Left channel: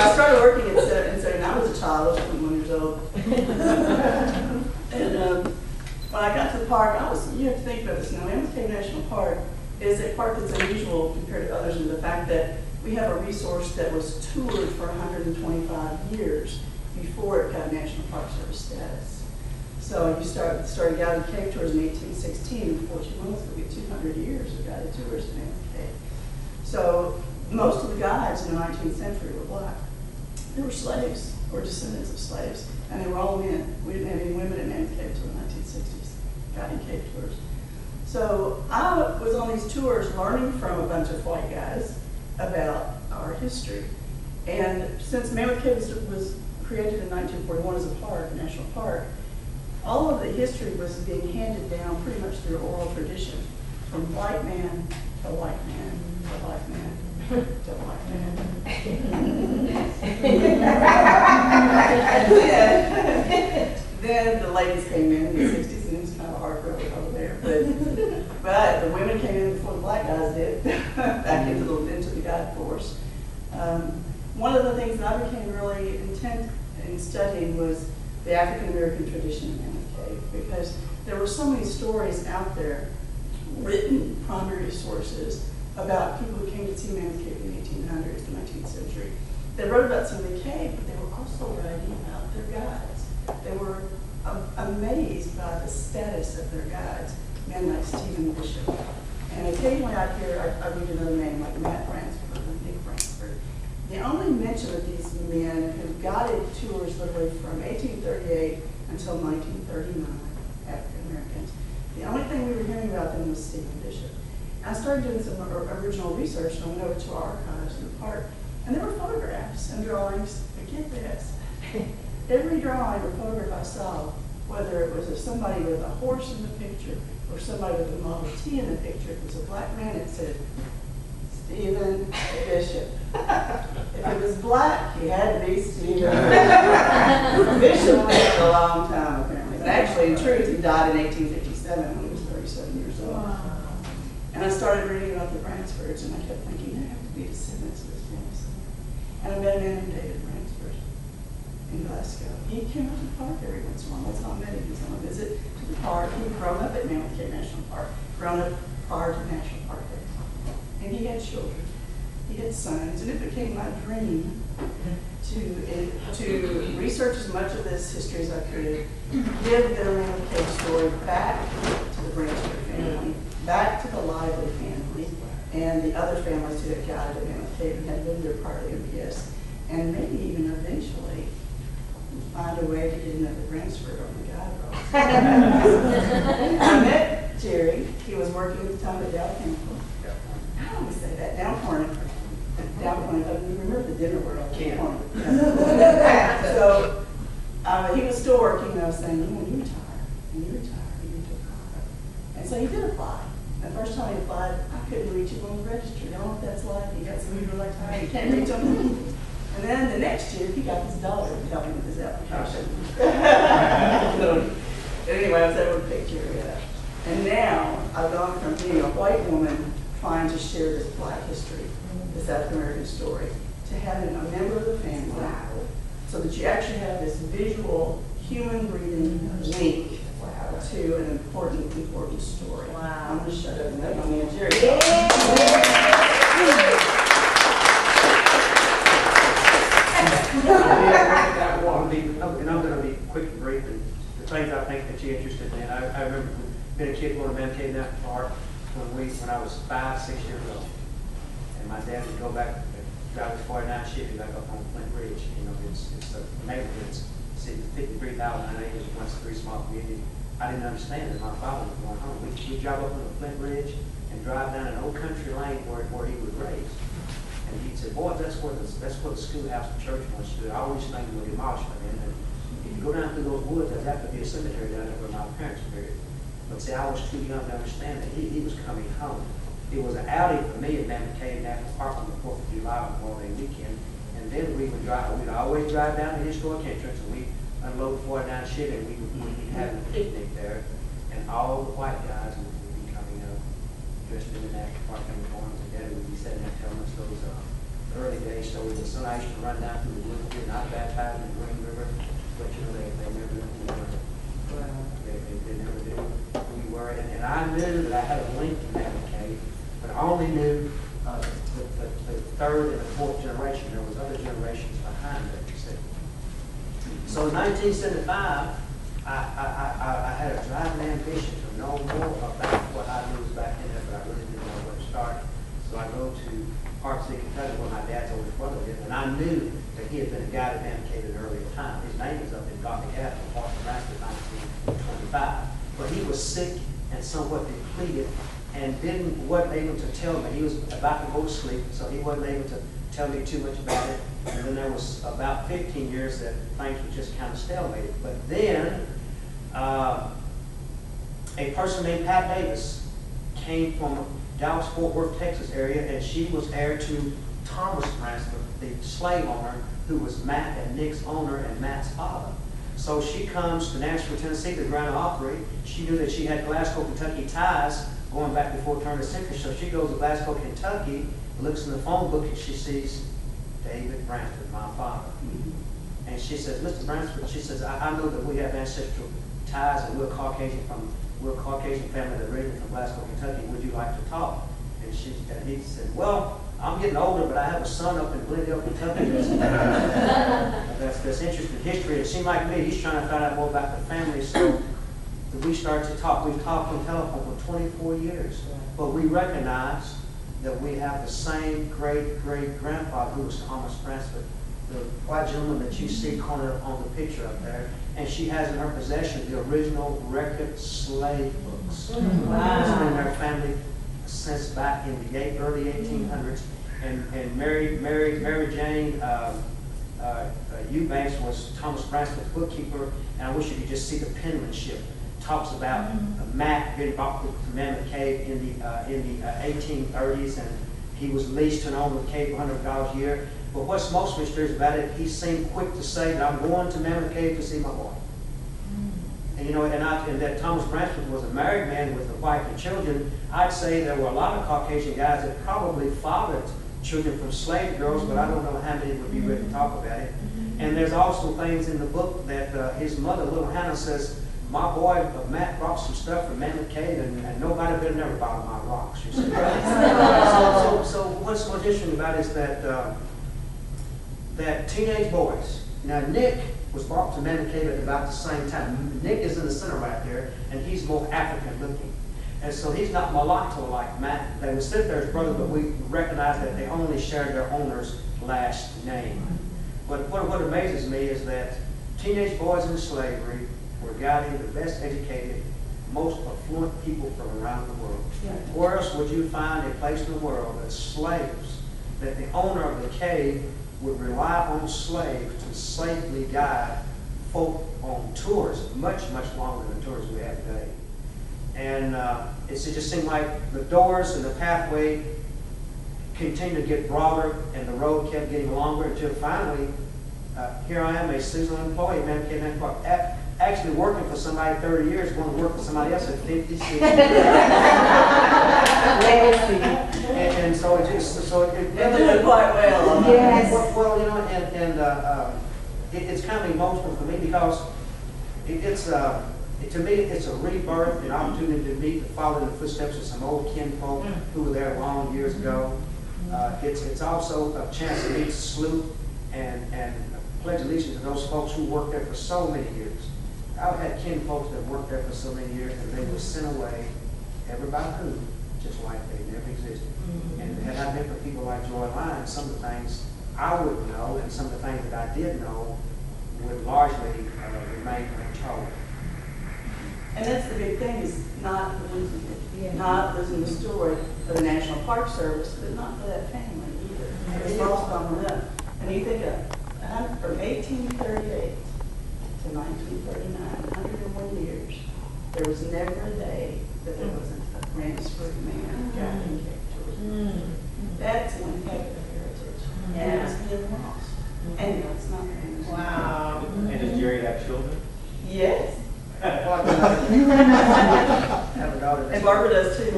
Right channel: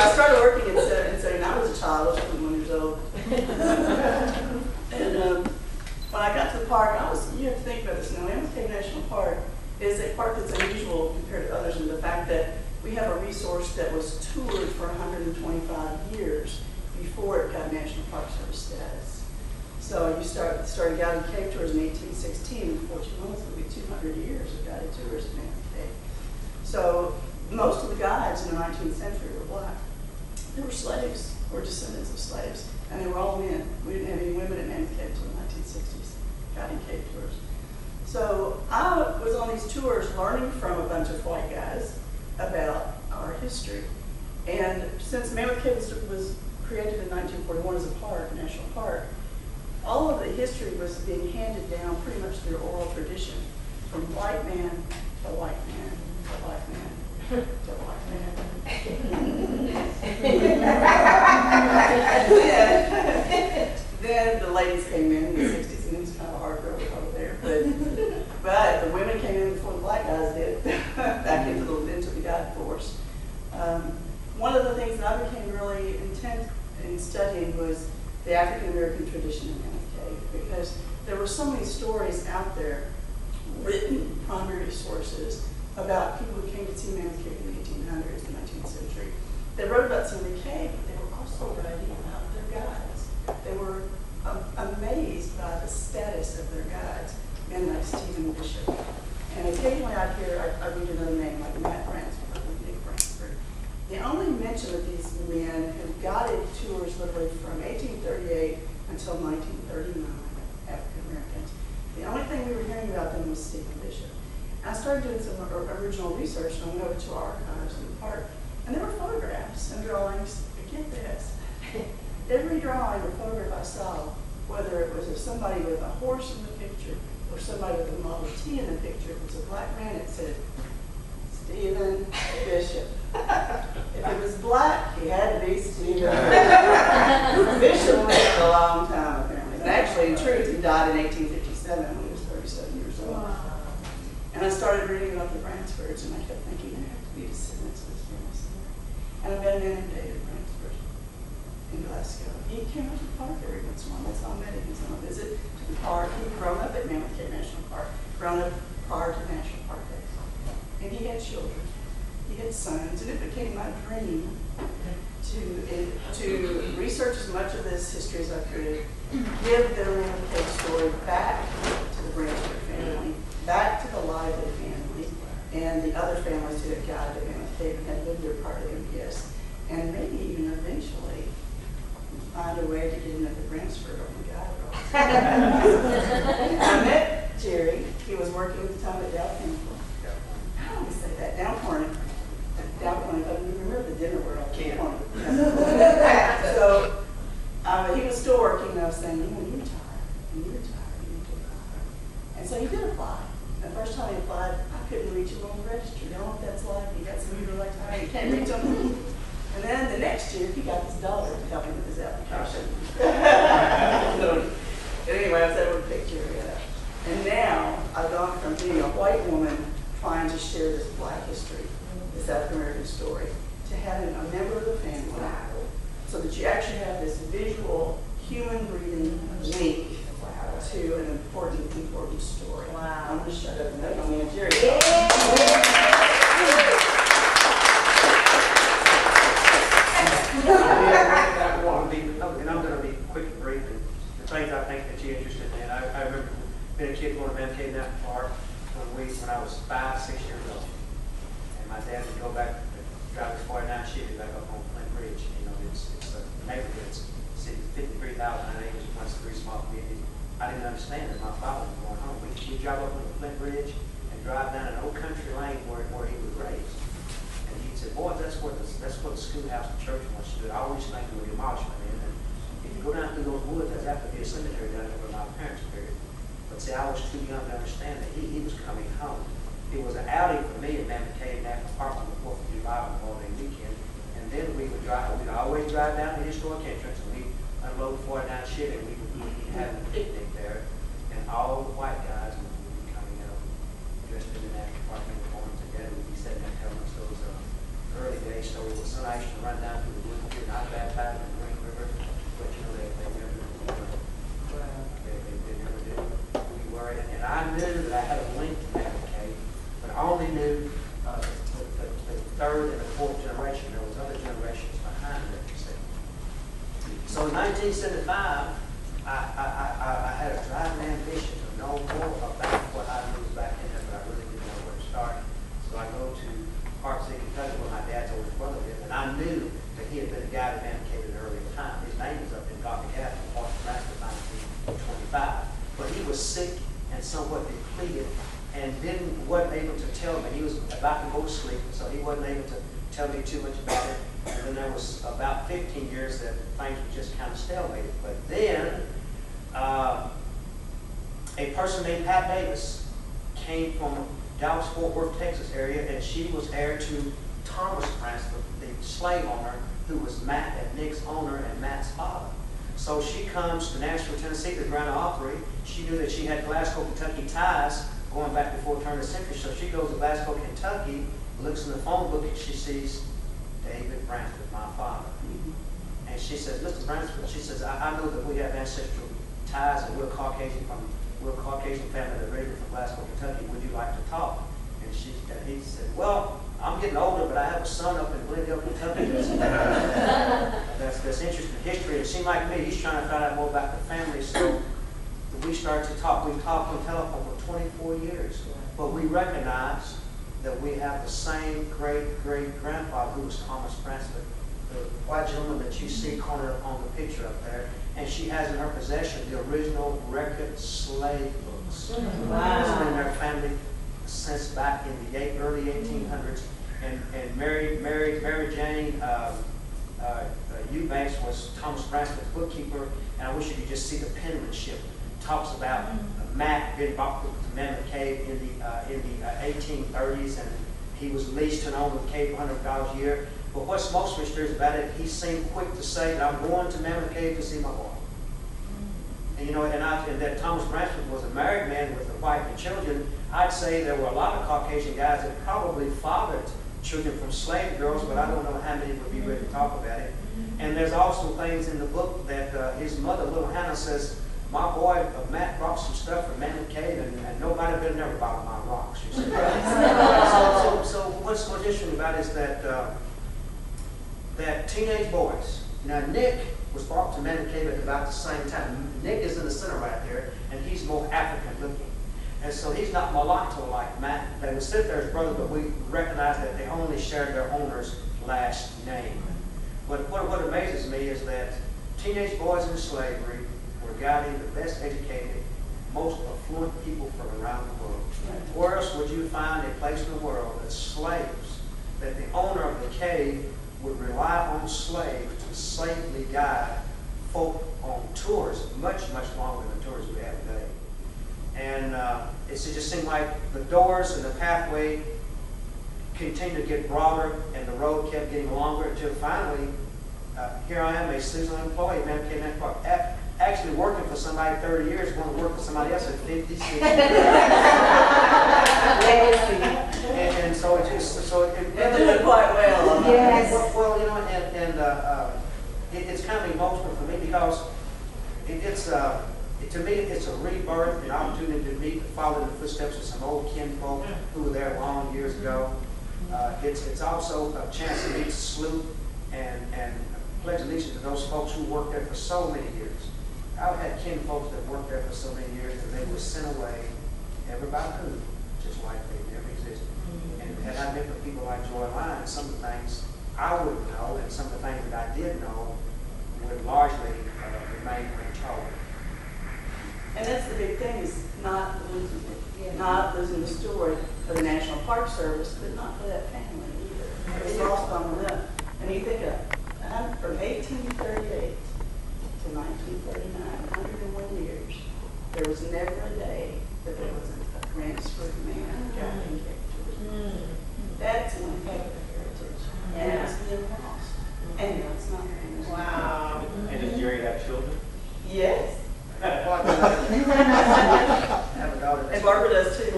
I started working in 77, I was a child, I was 21 years old. And when I got to the park, you have to think about this now, Mammoth Cave National Park is a park that's unusual compared to others in the fact that we have a resource that was toured for 125 years before it got National Park Service status. So you started guided cave tours in 1816, and 14 months would be 200 years of guided tours in Mammoth Cave. So most of the guides in the 19th century were black. They were slaves or descendants of slaves, and they were all men. We didn't have any women in Mammoth Cave until the 1960s, guiding cave tours. So I was on these tours learning from a bunch of white guys about our history. And since Mammoth Cave was created in 1941 as a park, a national park, all of the history was being handed down pretty much through oral tradition, from white man to white man to white man to white man. Then the ladies came in the 60s, and it was kind of a hard road over there. But the women came in before the black guys did, back into the guide force. One of the things that I became really intent in studying was the African American tradition in Mammoth Cave, because there were so many stories out there, written primary sources, about people who came to see Mammoth Cave in the 1800s, the 19th century. They wrote about seeing the cave, but they were also writing about their guides. They were amazed by the status of their guides, men like Stephen Bishop. And occasionally I'd read another name like Matt Bransford or Nick Bransford. The only mention of these men who guided tours literally from 1838 until 1939, African Americans, the only thing we were hearing about them was Stephen Bishop. I started doing some original research, and I went over to our archives in the park, and there were photographs and drawings. But get this, every drawing or photograph I saw, whether it was of somebody with a horse in the picture or somebody with a Model T in the picture, if it was a black man, it said Stephen Bishop. If it was black, he had to be Stephen Bishop lived a long time, apparently. And actually, in truth, he died in 1857 when he was 37 years old. Wow. And I started reading about the Bransfords, and I kept thinking, there have to be descendants of this family somewhere. And I met a man named David Bransford in Glasgow. He came out to the park every once in a while. That's how I met him. He was on a visit to the park. He'd grown up at Mammoth Cave National Park, grown up prior to National Park Day. And he had children. He had sons, and it became my dream to research as much of this history as I could, give the Mammoth Cave story back to the Bransford family, back to the Lively family, and the other families who had guided at Mammoth Cave and had lived there prior to MPS, and maybe even eventually find a way to get another Bransford on the guide roll. I met Jerry. He was working at the time at Dow Chemical. I always say that, Dow Corning. Dow Corning, if I remember the dinner word, I'll keep on. So he was still working, and I was saying, when you retire, you need to apply. And so he did apply. The first time he applied, I couldn't reach him on the register. You know what that's like? You got some people like tired, you can't reach them. And then the next year, he got his daughter to help him with his application. So, anyway, I was able to pick Jerry up. And now, I've gone from being a white woman trying to share this black history, this African American story, to having a member of the family, so that you actually have this visual, human breathing link to an important story. Wow. I'm going to shut up and let my man Jerry go. And I'm going to be quick and brief, and the things I think that you're interested in. I remember being a kid going to Mammoth Cave National Park when I was 5, 6 years old, and my dad would go back and drive his 49 Chevy back up on Flint Ridge. You know, it's a neighborhood. It's 53,000 acres, once 3 small communities. I didn't understand it. My father was going home. We'd drive up on the Flint Ridge and drive down an old country lane where he was raised. And he'd say, boy, that's where the schoolhouse and church was. I always think it was demolished by then. And if you go down through those woods, there's have to be a cemetery down there where my parents were buried. But see, I was too young to understand that he was coming home. It was an outing for me at Mammoth Cave National Park on the 4th of July Memorial Day weekend. And then we'd always drive down the historic entrance, and we'd unload 49 Chevy, and we'd be having a picnic there. And all the white guys would be coming up dressed in the national park uniforms, and Daddy would be sitting there telling us those early days story. The son I used to run down through the woods here, not baptized in the Green River, but you know, they never knew who we were. Wow. They never knew who we were. And I knew that I had a link to Mammoth Cave, but I only knew the third and the fourth generation. There was other generations behind that, you see. So in 1975, I had a driving ambition to know more about what I knew was back in there, but I really didn't know where to start. So I go to Park City, Kentucky, where my dad's oldest brother lived, and I knew that he had been a guide at Mammoth Cave at an earlier time. His name is up in Gothic Avenue, Park Nebraska, 1925. But he was sick and somewhat depleted and wasn't able to tell me. He was about to go to sleep, so he wasn't able to tell me too much about it. And then there was about 15 years that things were just kind of stalemated. But then a person named Pat Davis came from Dallas-Fort Worth, Texas area, and she was heir to Thomas Bransford, the slave owner, who was Matt and Nick's owner and Matt's father. So she comes to Nashville, Tennessee to Grand Ole Opry. She knew that she had Glasgow, Kentucky ties going back before the turn of the century. So she goes to Glasgow, Kentucky, looks in the phone book, and she sees David Bransford, my father. And she says, Mr. Bransford, she says, I know that we have ancestral ties and we're Caucasian family that originated from Glasgow, Kentucky. Would you like to talk? And he said, well, I'm getting older, but I have a son up in Glendale, Kentucky that's interested in history. It seemed like me, he's trying to find out more about the family. So we started to talk. We've talked on telephone for 24 years. But we recognized that we have the same great-great-grandfather who was Thomas Bransford, the white gentleman that you see cornered on the picture up there. And she has in her possession the original record slave books. Wow. It's been in their family since back in the early 1800s. And Mary Jane Eubanks was Thomas Bransford's bookkeeper. And I wish you could just see the penmanship. Talks about Matt getting bought to Mammoth Cave in the 1830s, and he was leased to an owner of the cave for $100 a year. But what's most mysterious about it, he seemed quick to say that I'm going to Mammoth Cave to see my boy. And you know, and that Thomas Bransford was a married man with a wife and children. I'd say there were a lot of Caucasian guys that probably fathered children from slave girls, but I don't know how many would be ready to talk about it. And there's also things in the book that his mother, little Hannah, says, my boy, Matt, brought some stuff from Mammoth Cave, and nobody better never bother my rocks. You see. So what's so interesting about it is that that teenage boys. Now Nick was brought to Mammoth Cave at about the same time. Nick is in the center right there, and he's more African looking, and so he's not mulatto like Matt. They would sit there as brothers, but we recognize that they only shared their owner's last name. But what amazes me is that teenage boys in slavery were guiding the best educated, most affluent people from around the world. Where else would you find a place in the world that slaves, that the owner of the cave would rely on slaves to safely guide folk on tours, much longer than the tours we have today. And it just seemed like the doors and the pathway continued to get broader, and the road kept getting longer until finally, here I am, a seasonal employee at Mammoth Cave National Park. Actually working for somebody 30 years, going to work for somebody else at 50, 60. and so it just, They're doing quite well. Yes. Well, you know, it's kind of emotional for me because to me, it's a rebirth, an opportunity to meet, to follow in the footsteps of some old kinfolk who were there long years ago. It's also a chance to meet, salute, and pledge allegiance to those folks who worked there for so many years. I've had kinfolks that worked there for so many years, and they were sent away, everybody who, just like they never existed. And had I met with people like Joy Lyons, some of the things I wouldn't know, and some of the things that I did know would largely remain untold. And that's the big thing, is not losing it. Not losing the story for the National Park Service, but not for that family either. It was lost on them. And you think of from 1838 to 1939, 101 years, there was never a day that there wasn't a transferred man guiding Geechee. That's one heck of a heritage. And it's being lost. And that's not very much. Wow. And does Jerry have children? Yes. Have a daughter. And Barbara does too.